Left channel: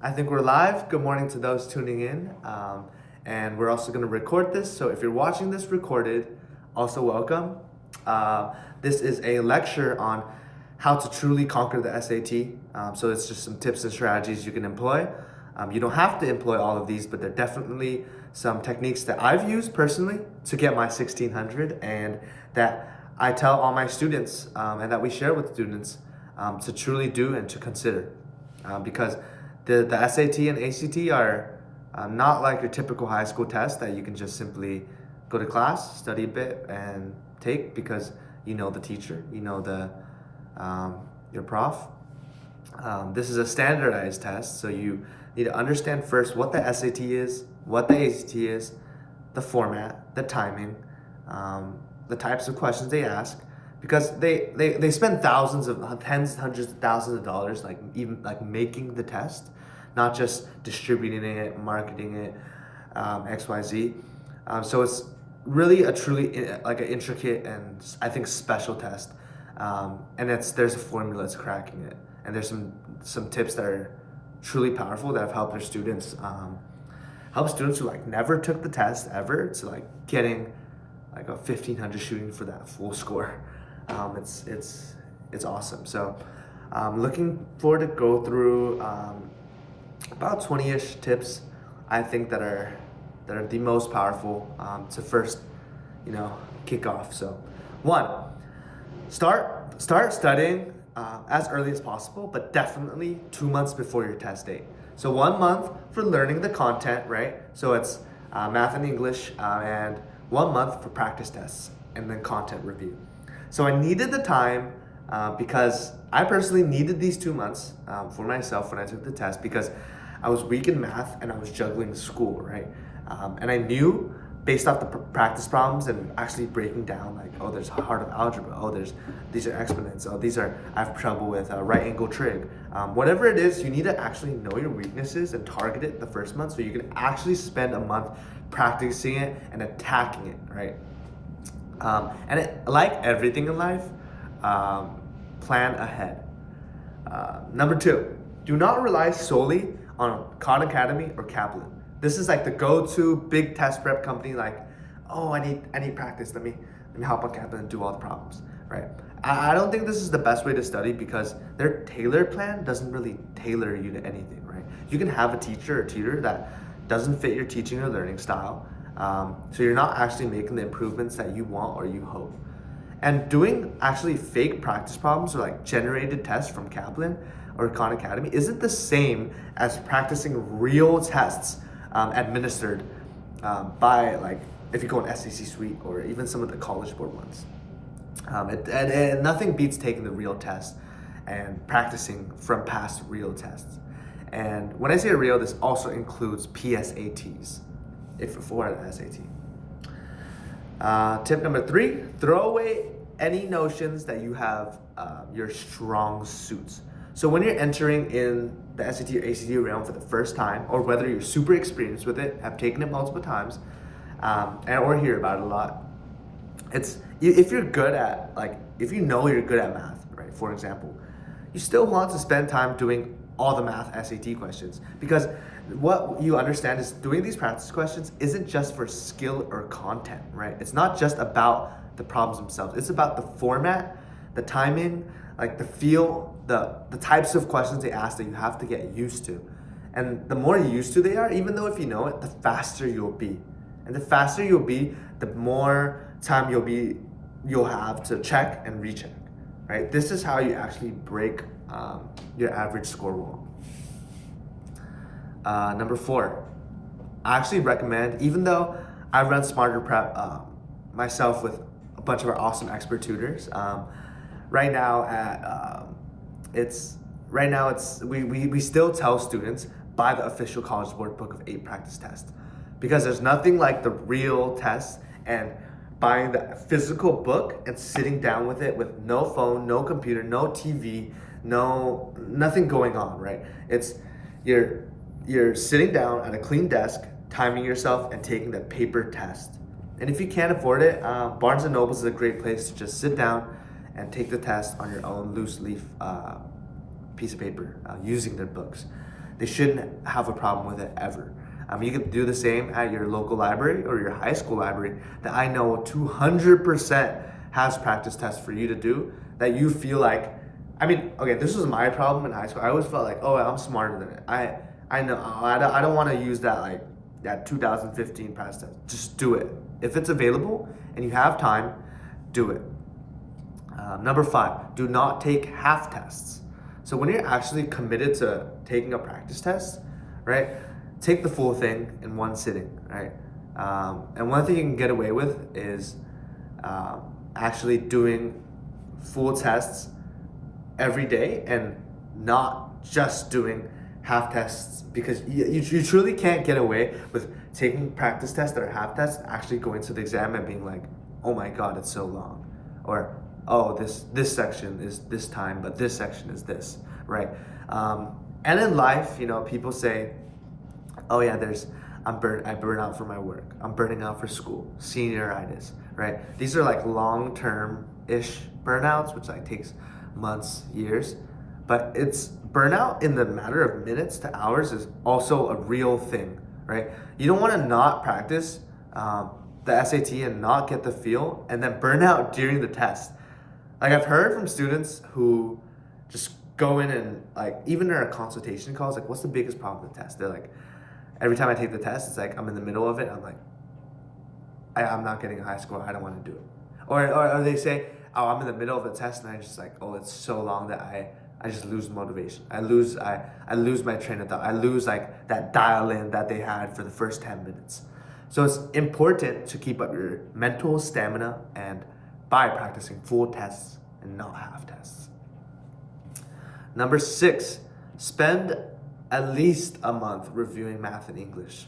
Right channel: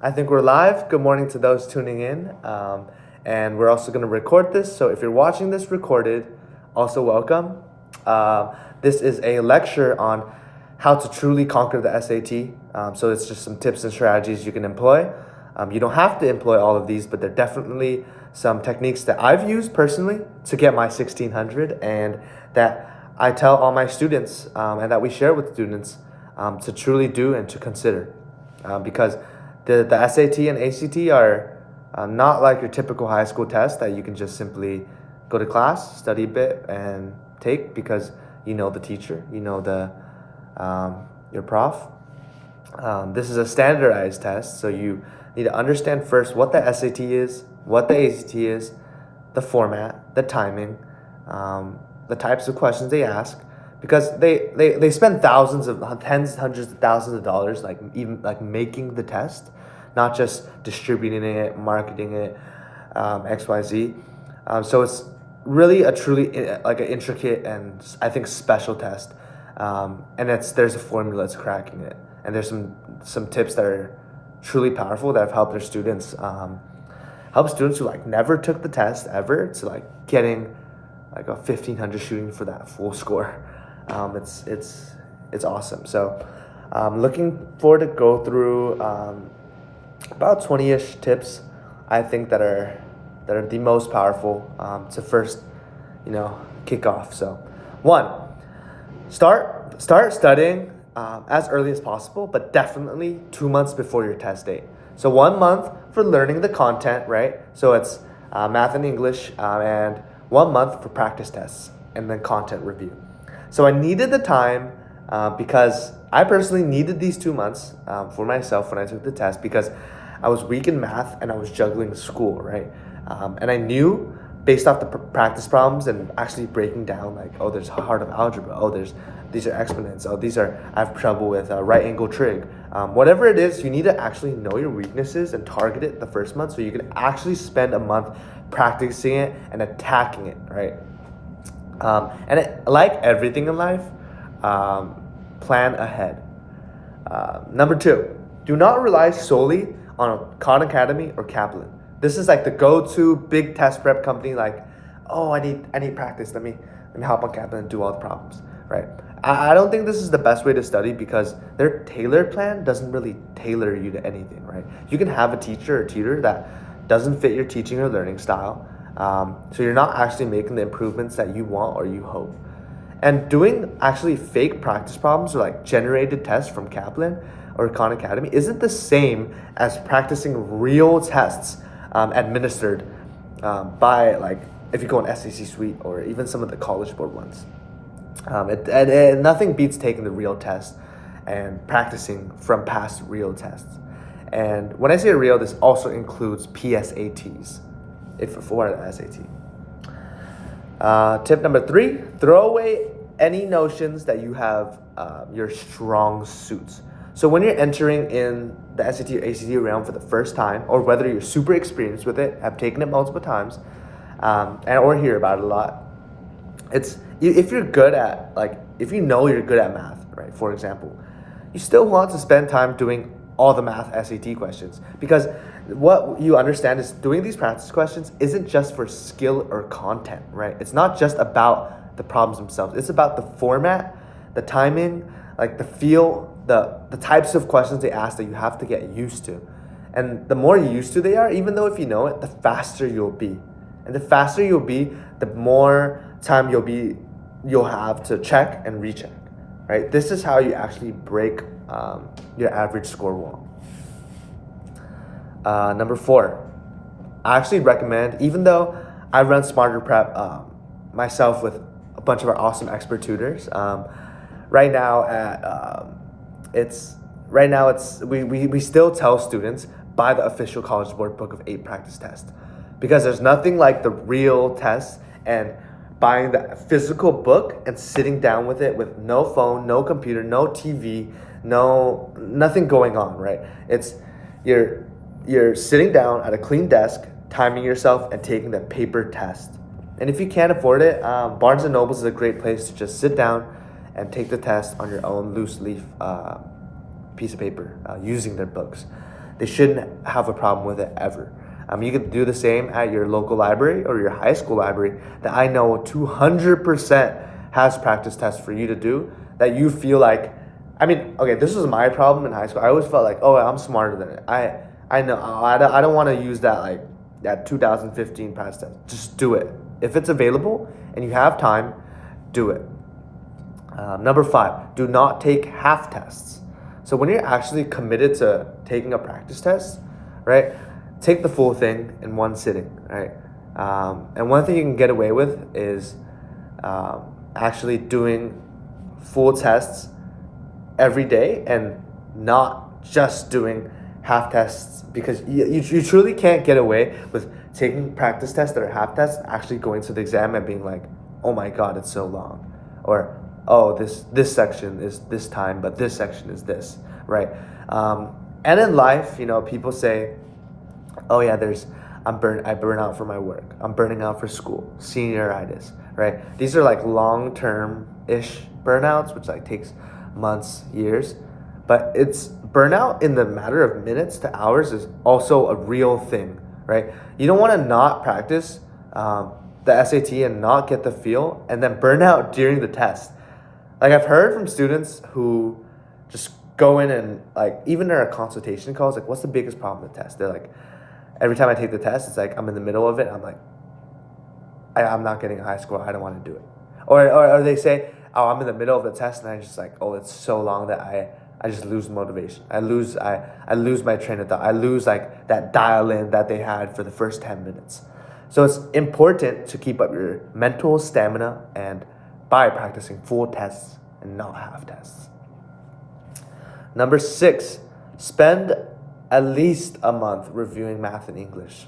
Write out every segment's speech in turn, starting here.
I think we're live. Good morning to those tuning in. And we're also going to record this. So if you're watching this recorded, also welcome. This is a lecture on how to truly conquer the SAT. So it's just some tips and strategies you can employ. You don't have to employ all of these, but there are definitely some techniques that I've used personally to get my 1600 and that I tell all my students and that we share with students to truly do and to consider. Because the SAT and ACT are not like your typical high school test that you can just simply go to class, study a bit, and take because you know the teacher, you know your prof. This is a standardized test, so you need to understand first what the SAT is, what the ACT is, the format, the timing, the types of questions they ask, because they spend tens, hundreds of thousands of dollars, like even like making the test, not just distributing it, marketing it, XYZ. So it's really a truly like an intricate and I think special test. And there's a formula to cracking it, and there's some tips that are truly powerful that have helped their students, help students who like never took the test ever to like getting like a 1500 shooting for that full score. It's awesome. So looking forward to go through about 20-ish tips I think that are the most powerful to first kick off. So one, start studying as early as possible, but definitely 2 months before your test date. So 1 month for learning the content, right? So it's math and English, and 1 month for practice tests and then content review. So I needed the time because I personally needed these 2 months for myself when I took the test, because I was weak in math and I was juggling school, right? And I knew based off the practice problems and actually breaking down, like, oh, there's heart of algebra, oh, these are exponents, oh, I have trouble with right angle trig. Whatever it is, you need to actually know your weaknesses and target it the first month so you can actually spend a month practicing it and attacking it, right? Like everything in life, plan ahead. Number two, do not rely solely on Khan Academy or Kaplan. This is like the go-to big test prep company. Like, oh, I need practice. Let me hop on Kaplan and do all the problems, right? I don't think this is the best way to study because their tailored plan doesn't really tailor you to anything, right? You can have a teacher or tutor that doesn't fit your teaching or learning style, so you're not actually making the improvements that you want or you hope. And doing actually fake practice problems or like generated tests from Kaplan or Khan Academy isn't the same as practicing real tests administered by, like, if you go on SEC Suite or even some of the College Board ones. Nothing beats taking the real test and practicing from past real tests. And when I say real, this also includes PSATs, if for an SAT. Tip number three, throw away any notions that you have your strong suits. So when you're entering in the SAT or ACT realm for the first time, or whether you're super experienced with it, have taken it multiple times, or hear about it a lot, if you're good at, like, if you know you're good at math, right, for example, you still want to spend time doing all the math SAT questions, because what you understand is doing these practice questions isn't just for skill or content, right? It's not just about the problems themselves. It's about the format, the timing, like the feel, the types of questions they ask that you have to get used to. And the more used to they are, even though if you know it, the faster you'll be. And the faster you'll be, the more time you'll have to check and recheck, right? This is how you actually break your average score wall. Number four, I actually recommend, even though I run Smarter Prep myself with a bunch of our awesome expert tutors, right now we still tell students buy the official College Board Book of 8 practice test, because there's nothing like the real test and buying the physical book and sitting down with it with no phone, no computer, no TV, nothing going on, right? It's you're sitting down at a clean desk, timing yourself and taking the paper test. And if you can't afford it, Barnes & Noble is a great place to just sit down and take the test on your own loose leaf piece of paper using their books. They shouldn't have a problem with it ever. You can do the same at your local library or your high school library that I know 200% has practice tests for you to do that you feel like, okay, this was my problem in high school. I always felt like, oh, I'm smarter than it. I know, I don't want to use that 2015 practice test. Just do it. If it's available and you have time, do it. Number 5, do not take half tests. So when you're actually committed to taking a practice test, right, take the full thing in one sitting, right? And one thing you can get away with is actually doing full tests every day and not just doing half tests, because you truly can't get away with taking practice tests that are half tests, actually going to the exam and being like, oh my God, it's so long. Or, oh, this section is this time, but this section is this, right? And in life, people say, oh yeah, I burn out for my work. I'm burning out for school, senioritis, right? These are like long-term-ish burnouts, which like takes months, years, but it's burnout in the matter of minutes to hours is also a real thing, right? You don't want to not practice the SAT and not get the feel and then burn out during the test. Like I've heard from students who just go in and like, even in our consultation calls, like what's the biggest problem with the test? They're like, every time I take the test, it's like I'm in the middle of it. I'm like, I'm not getting a high score. I don't want to do it. Or they say, oh, I'm in the middle of the test and I just like, oh, it's so long that I just lose motivation. I lose my train of thought. I lose like that dial in that they had for the first 10 minutes. So it's important to keep up your mental stamina and by practicing full tests and not half tests. Number 6, spend at least a month reviewing math and English.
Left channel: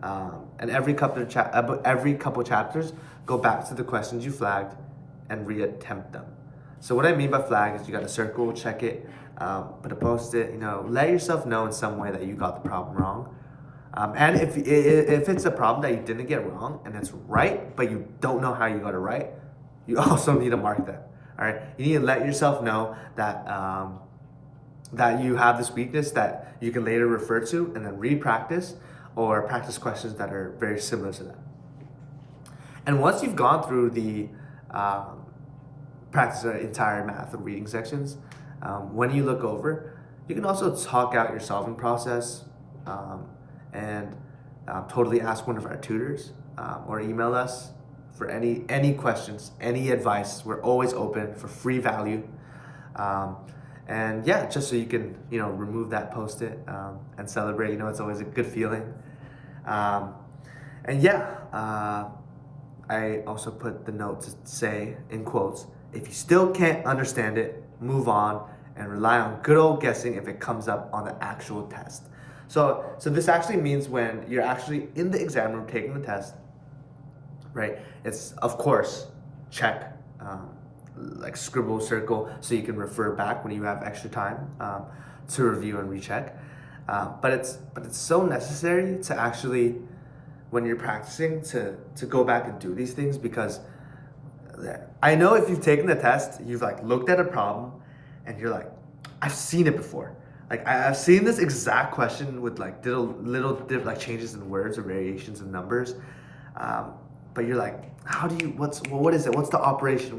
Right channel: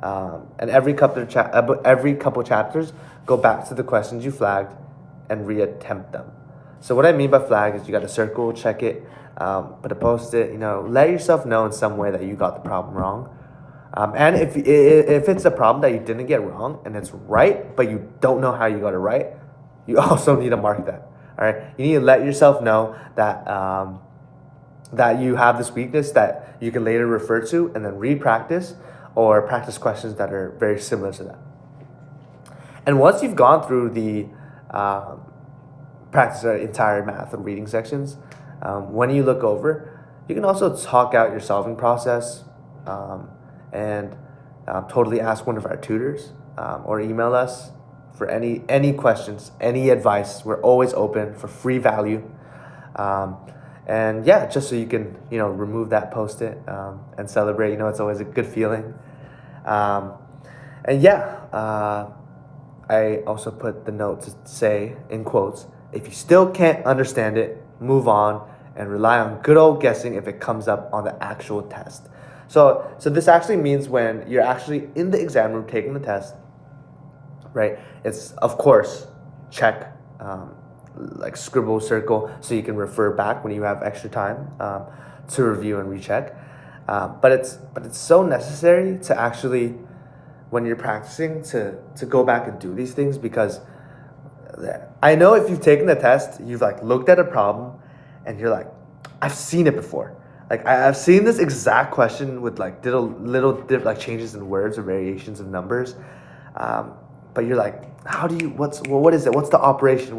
And every couple chapters, go back to the questions you flagged and reattempt them. So what I mean by flag is you got to circle, check it, put a post-it, let yourself know in some way that you got the problem wrong. And if it's a problem that you didn't get wrong and it's right, but you don't know how you got it right, you also need to mark that. All right, you need to let yourself know that that you have this weakness that you can later refer to and then re-practice or practice questions that are very similar to that. And once you've gone through the practice the entire math and reading sections, when you look over, you can also talk out your solving process and totally ask one of our tutors or email us for any questions, any advice. We're always open for free value. And yeah, just so you can, remove that post-it and celebrate, it's always a good feeling. And yeah, I also put the note to say, in quotes, if you still can't understand it, move on and rely on good old guessing if it comes up on the actual test. So this actually means when you're actually in the exam room taking the test, right? It's, of course, check, like scribble, circle, so you can refer back when you have extra time to review and recheck. But it's so necessary to actually, when you're practicing, to go back and do these things, because I know if you've taken the test, you've like looked at a problem and you're like, I've seen it before. Like I've seen this exact question with like little like changes in words or variations of numbers. But you're like, what is it? What's the operation?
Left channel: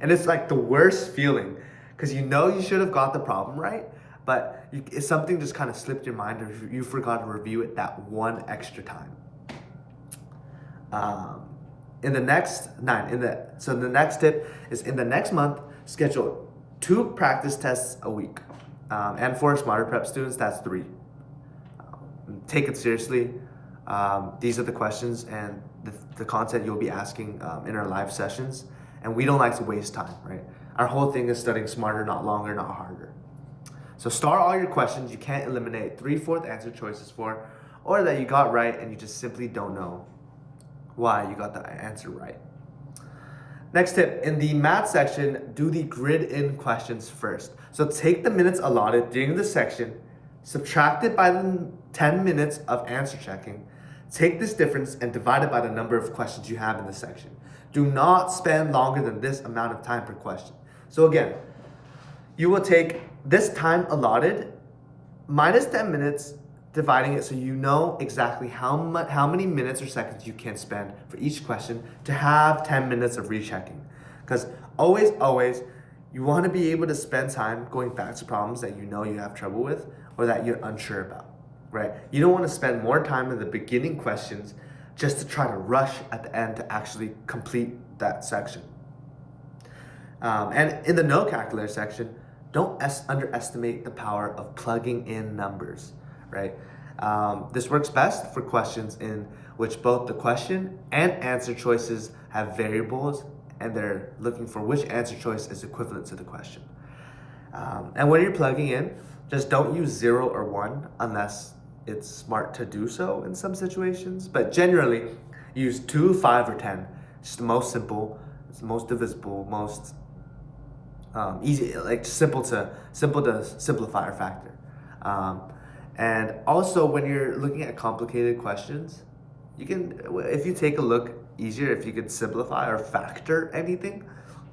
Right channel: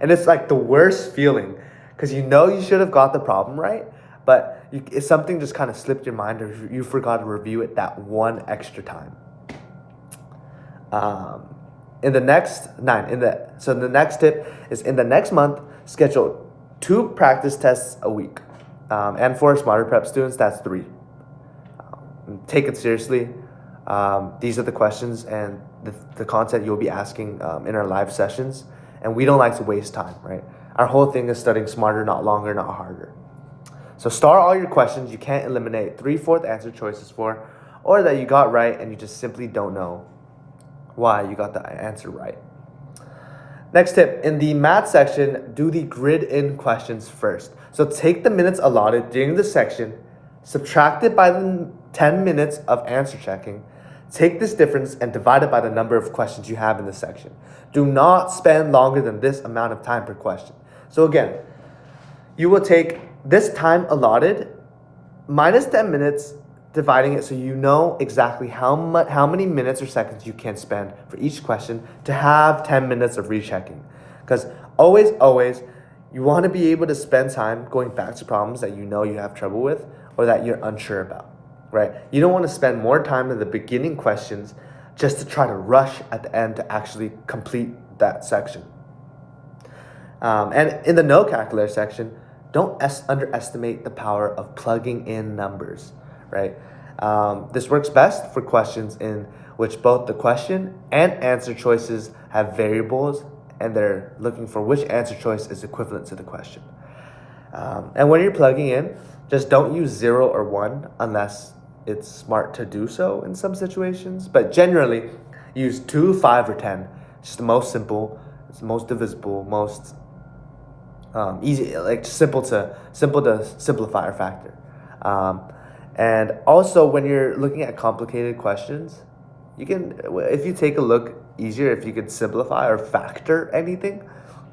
And it's like the worst feeling, because you should have got the problem right, but it's something just kind of slipped your mind, or you forgot to review it that one extra time. The next tip is, in the next month, schedule 2 practice tests a week. And for Smarter Prep students, that's 3. Take it seriously. These are the questions and the content you'll be asking in our live sessions. And we don't like to waste time, right? Our whole thing is studying smarter, not longer, not harder. So star all your questions you can't eliminate 3/4 answer choices for, or that you got right and you just simply don't know why you got the answer right. Next tip, in the math section, do the grid-in questions first. So take the minutes allotted during the section, subtract it by the 10 minutes of answer checking, take this difference and divide it by the number of questions you have in the section. Do not spend longer than this amount of time per question. So again, you will take this time allotted minus 10 minutes, dividing it so you know exactly how many minutes or seconds you can spend for each question to have 10 minutes of rechecking. Because always, you want to be able to spend time going back to problems that you know you have trouble with or that you're unsure about, right? You don't want to spend more time in the beginning questions just to try to rush at the end to actually complete that section. And in the no calculator section, don't underestimate the power of plugging in numbers, right? This works best for questions in which both the question and answer choices have variables and they're looking for which answer choice is equivalent to the question. And when you're plugging in, just don't use 0 or 1 unless it's smart to do so in some situations. But generally, use 2, 5, or 10. It's the most simple, it's the most divisible, most easy, like simple to simplify or factor. And also, when you're looking at complicated questions, you can, if you take a look easier, if you could simplify or factor anything,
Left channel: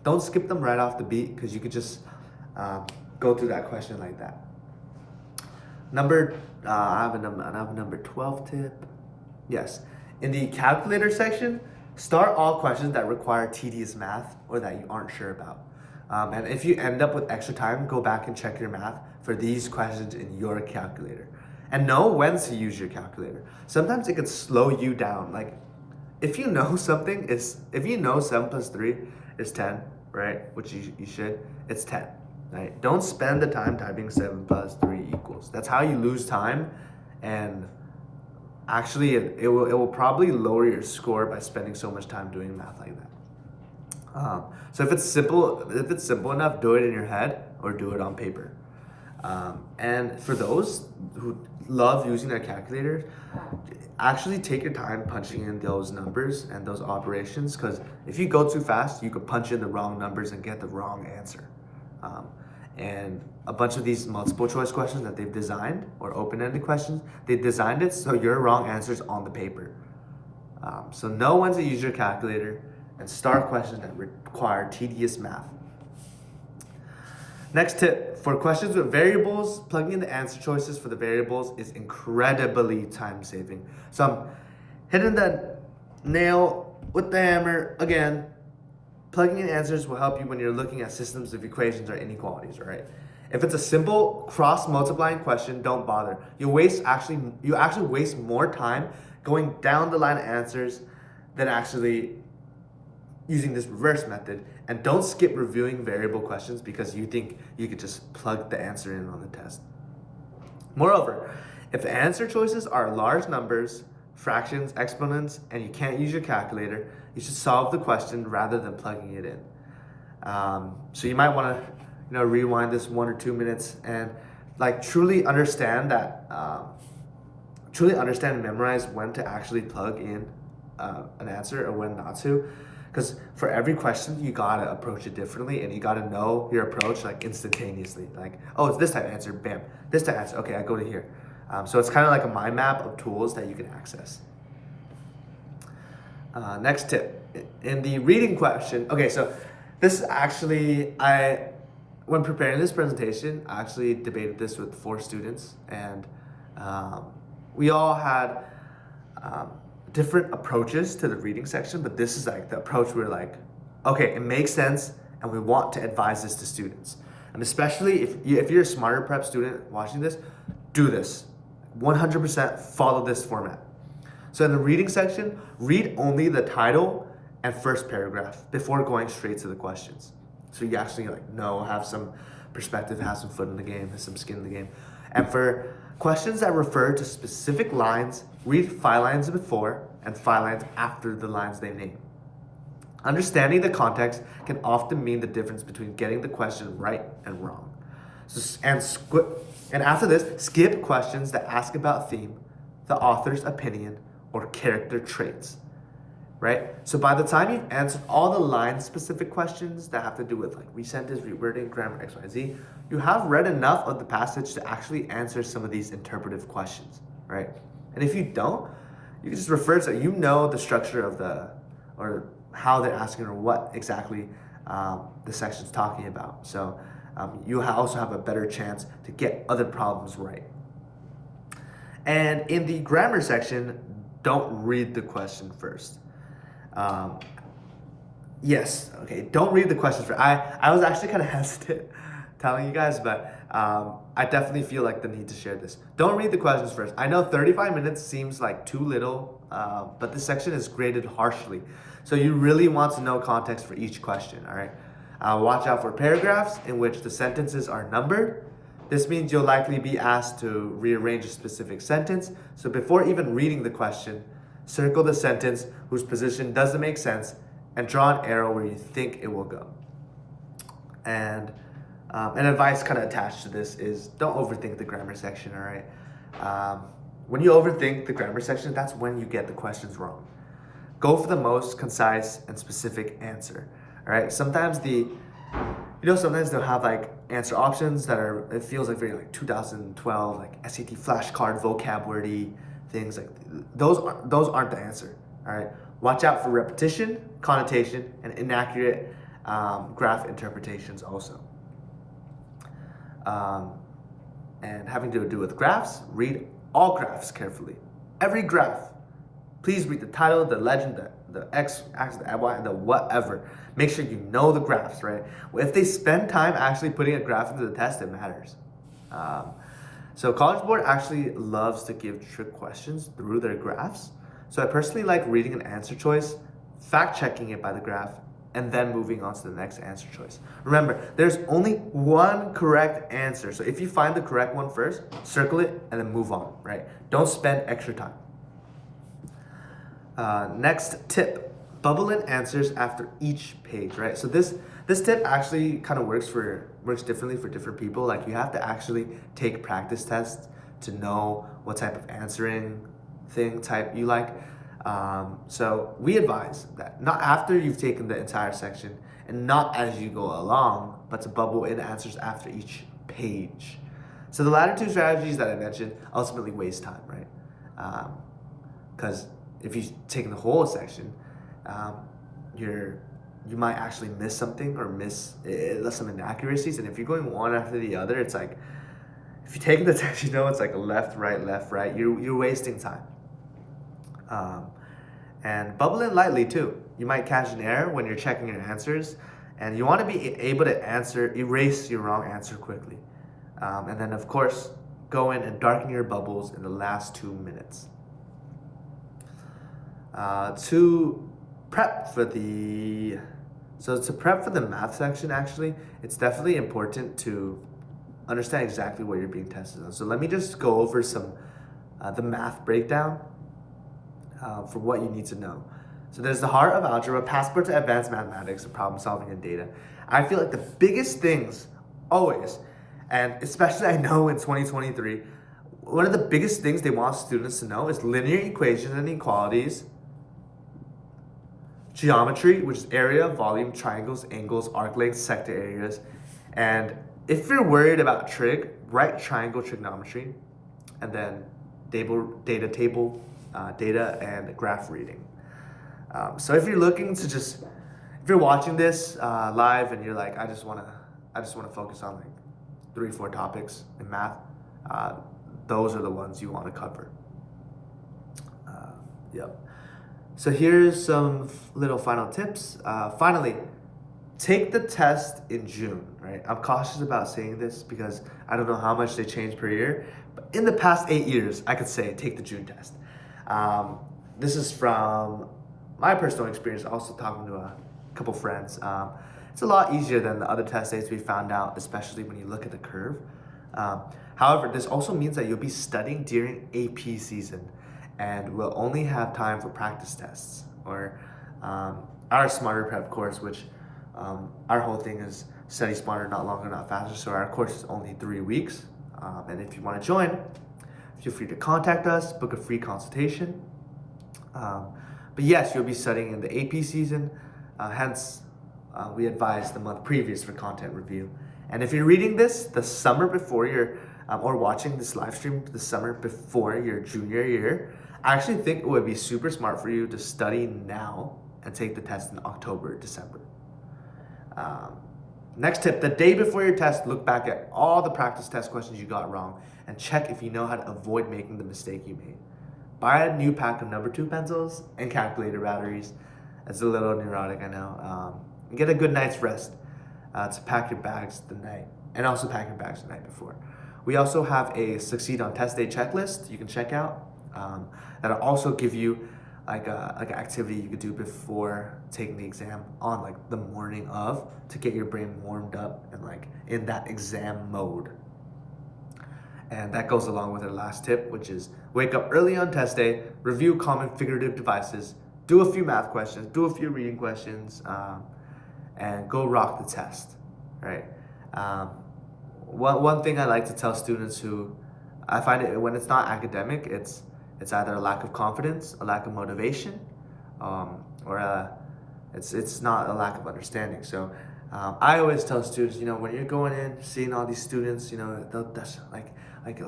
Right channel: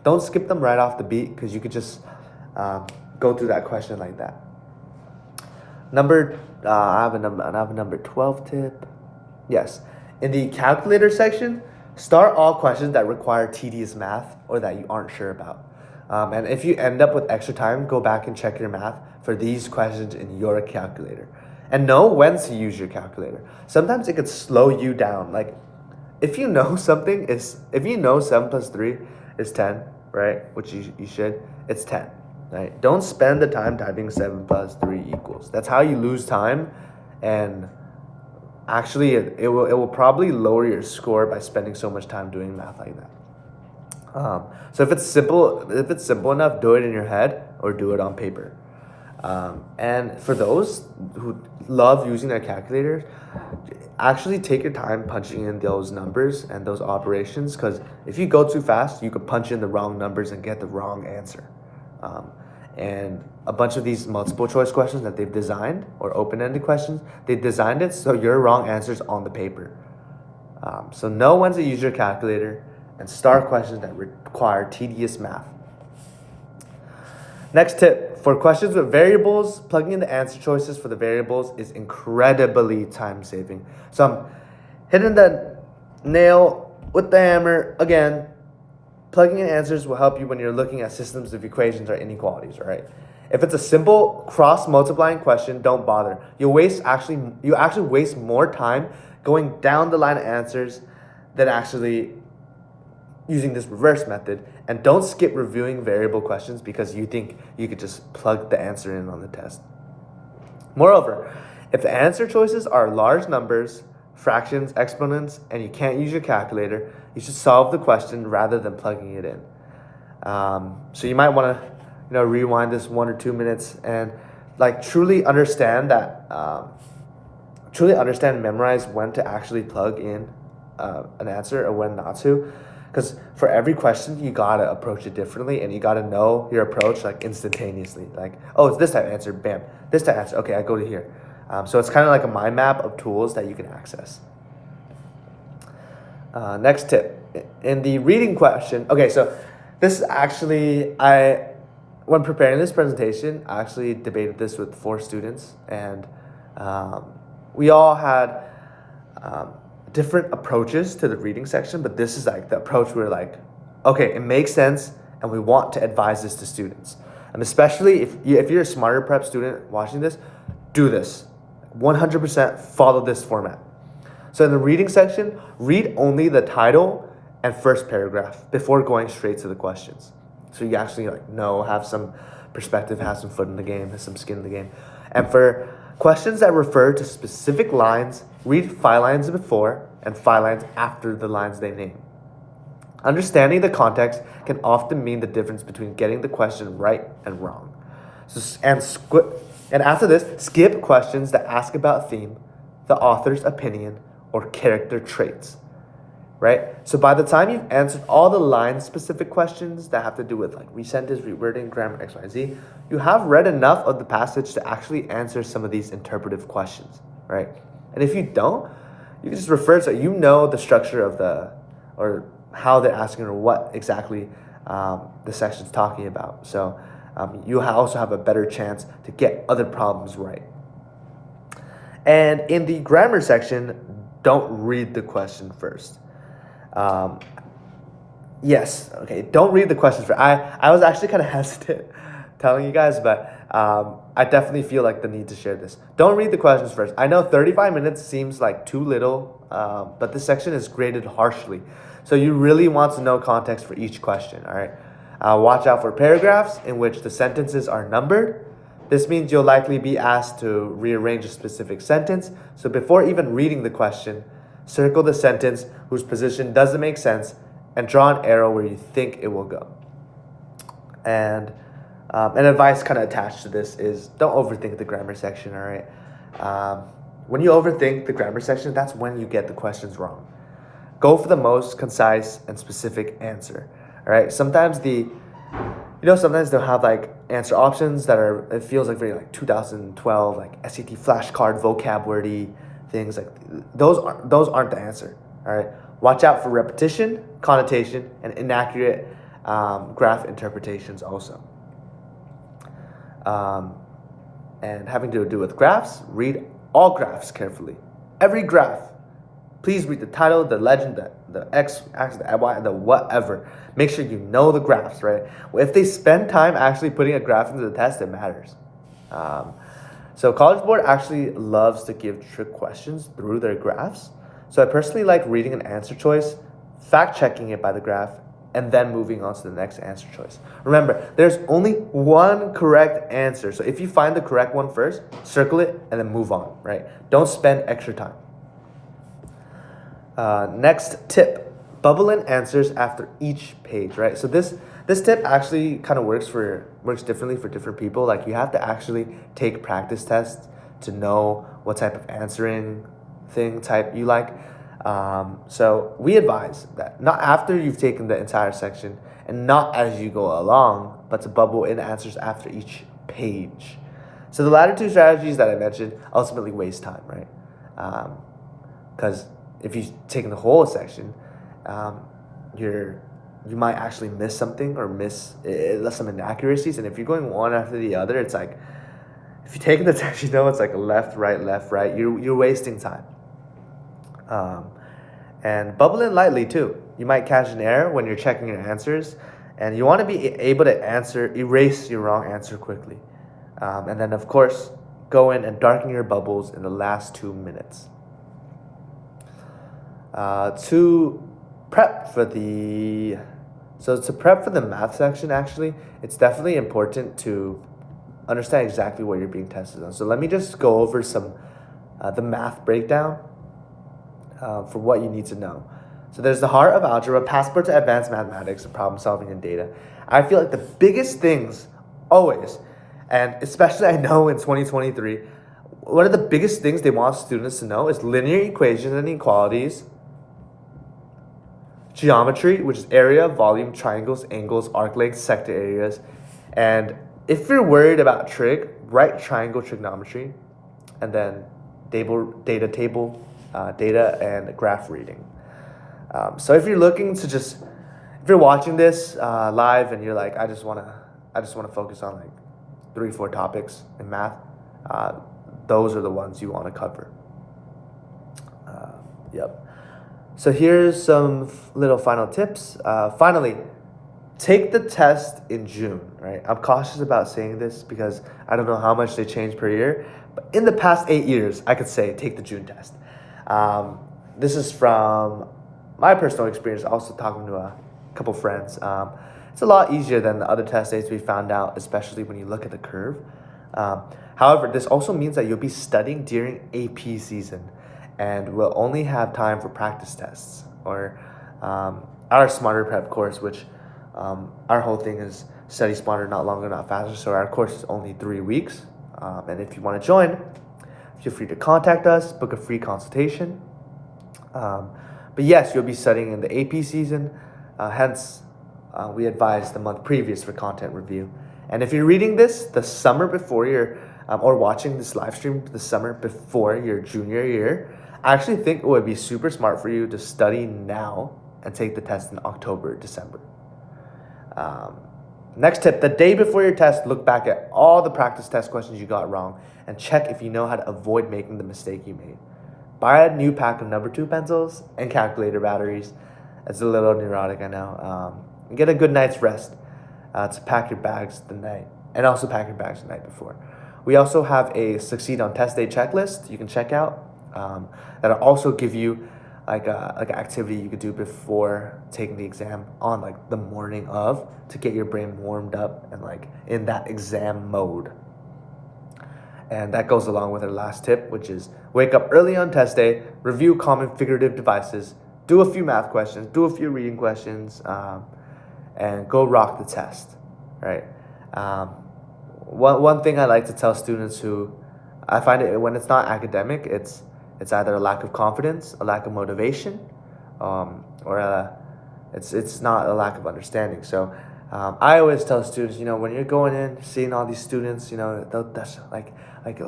don't skip them right off the beat because you could just go through that question like that. I have a number 12 tip. Yes, in the calculator section, start all questions that require tedious math or that you aren't sure about. And if you end up with extra time, go back and check your math for these questions in your calculator. And know when to use your calculator. Sometimes it could slow you down. Like, if you know if you know 7 plus 3 is 10, right? Which you should, it's 10, right? Don't spend the time typing 7 plus 3 equals. That's how you lose time. And actually, it will probably lower your score by spending so much time doing math like that. So if it's simple enough, do it in your head or do it on paper. And for those who love using their calculators, actually take your time punching in those numbers and those operations, because if you go too fast, you could punch in the wrong numbers and get the wrong answer. And a bunch of these multiple choice questions that they've designed, or open-ended questions, they designed it so your wrong answer's on the paper. So know when to use your calculator and start questions that require tedious math. Next tip, for questions with variables, plugging in the answer choices for the variables is incredibly time-saving. So I'm hitting the nail with the hammer again. Plugging in answers will help you when you're looking at systems of equations or inequalities, right? If it's a simple cross-multiplying question, don't bother. You actually waste more time going down the line of answers than actually using this reverse method. And don't skip reviewing variable questions because you think you could just plug the answer in on the test. Moreover, if the answer choices are large numbers, fractions, exponents, and you can't use your calculator, you should solve the question rather than plugging it in. So you might want to, rewind this 1 or 2 minutes and truly understand and memorize when to actually plug in an answer or when not to. Because for every question, you gotta approach it differently, and you gotta know your approach instantaneously. Oh, it's this type of answer, bam. This type of answer, okay, I go to here. So it's kind of like a mind map of tools that you can access. Next tip, in the reading question. Okay, so this is actually, when preparing this presentation, I actually debated this with 4 students, and we all had different approaches to the reading section, but this is the approach we're okay, it makes sense, and we want to advise this to students. And especially if you're a Smarter Prep student watching this, do this. 100% follow this format. So in the reading section, read only the title and first paragraph before going straight to the questions. So you actually have some perspective, have some foot in the game, have some skin in the game. And for questions that refer to specific lines, read 5 lines before and 5 lines after the lines they name. Understanding the context can often mean the difference between getting the question right and wrong. And after this, skip questions that ask about theme, the author's opinion, or character traits. Right? So by the time you've answered all the line-specific questions that have to do with resentence, rewording, grammar, X, Y, Z, you have read enough of the passage to actually answer some of these interpretive questions, right? And if you don't, you can just refer to the structure of or how they're asking or what exactly the section's talking about. So you also have a better chance to get other problems right. And in the grammar section, don't read the question first. Um, Yes. Okay. Don't read the questions for. I was actually kind of hesitant telling you guys, but I definitely feel like the need to share this. Don't read the questions first. I know 35 minutes seems like too little, but this section is graded harshly, so you really want to know context for each question. All right. Watch out for paragraphs in which the sentences are numbered. This means you'll likely be asked to rearrange a specific sentence. So before even reading the question, circle the sentence whose position doesn't make sense and draw an arrow where you think it will go. And an advice kind of attached to this is don't overthink the grammar section, all right? When you overthink the grammar section, that's when you get the questions wrong. Go for the most concise and specific answer, all right? Sometimes sometimes they'll have like answer options that are, it feels like very like 2012, like SAT flashcard vocab wordy things. Like those aren't the answer, all right? Watch out for repetition, connotation, and inaccurate graph interpretations also. And having to do with graphs, read all graphs carefully. Every graph. Please read the title, the legend, the x-axis, the y, the whatever. Make sure you know the graphs, right? If they spend time actually putting a graph into the test, it matters. So College Board actually loves to give trick questions through their graphs. So I personally like reading an answer choice, fact-checking it by the graph, and then moving on to the next answer choice. Remember, there's only one correct answer. So if you find the correct one first, circle it and then move on, right? Don't spend extra time. Next tip, bubble in answers after each page, right? So this tip actually kind of works differently for different people. Like you have to actually take practice tests to know what type of answering type you like. So we advise that not after you've taken the entire section and not as you go along, but to bubble in answers after each page. So the latter two strategies that I mentioned ultimately waste time, right? Because if you've taken the whole section, you might actually miss something or miss some inaccuracies. And if you're going one after the other, it's like if you're taking the test, it's like a left, right. You're wasting time. And bubble in lightly too. You might catch an error when you're checking your answers, and you want to be able to erase your wrong answer quickly. And then of course, go in and darken your bubbles in the last 2 minutes. To prep for the math section, actually, it's definitely important to understand exactly what you're being tested on. So let me just go over some the math breakdown for what you need to know. So there's the heart of algebra, passport to advanced mathematics, problem solving and data. I feel like the biggest things always, and especially I know in 2023, one of the biggest things they want students to know is linear equations and inequalities, geometry, which is area, volume, triangles, angles, arc lengths, sector areas. And if you're worried about trig, write triangle trigonometry, and then data and graph reading. So if you're looking to if you're watching this live and you're like, I just want to focus on like 3-4 topics in math, those are the ones you want to cover. Yep. So here's some little final tips. Finally, take the test in June, right? I'm cautious about saying this because I don't know how much they change per year, but in the past 8 years, I could say take the June test. This is from my personal experience, also talking to a couple friends. It's a lot easier than the other test dates we found out, especially when you look at the curve. However, this also means that you'll be studying during AP season and will only have time for practice tests or our Smarter Prep course, which our whole thing is study smarter, not longer, not faster. So our course is only 3 weeks. And if you want to join, feel free to contact us, book a free consultation. But yes, you'll be studying in the AP season. Hence, we advise the month previous for content review. And if you're reading this the summer before or watching this live stream the summer before your junior year, I actually think it would be super smart for you to study now and take the test in October, December. Next tip, the day before your test, look back at all the practice test questions you got wrong and check if you know how to avoid making the mistake you made. Buy a new pack of number 2 pencils and calculator batteries. It's a little neurotic, I know. And get a good night's rest to pack your bags the night, and also pack your bags the night before. We also have a Succeed on Test Day checklist you can check out. That'll also give you like an activity you could do before taking the exam on like the morning of, to get your brain warmed up and like in that exam mode. And that goes along with our last tip, which is wake up early on test day, review common figurative devices, do a few math questions, do a few reading questions, and go rock the test, right? One thing I like to tell students who, I find it when it's not academic, it's either a lack of confidence, a lack of motivation, or it's not a lack of understanding. So I always tell students, when you're going in, seeing all these students, that's like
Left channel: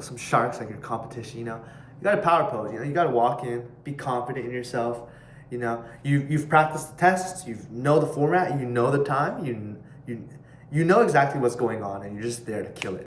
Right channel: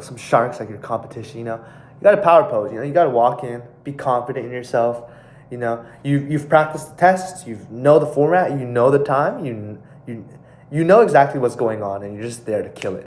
some sharks, like your competition, you got to power pose, you got to walk in, be confident in yourself. You've practiced the tests, you know the format, you know the time, you know exactly what's going on, and you're just there to kill it.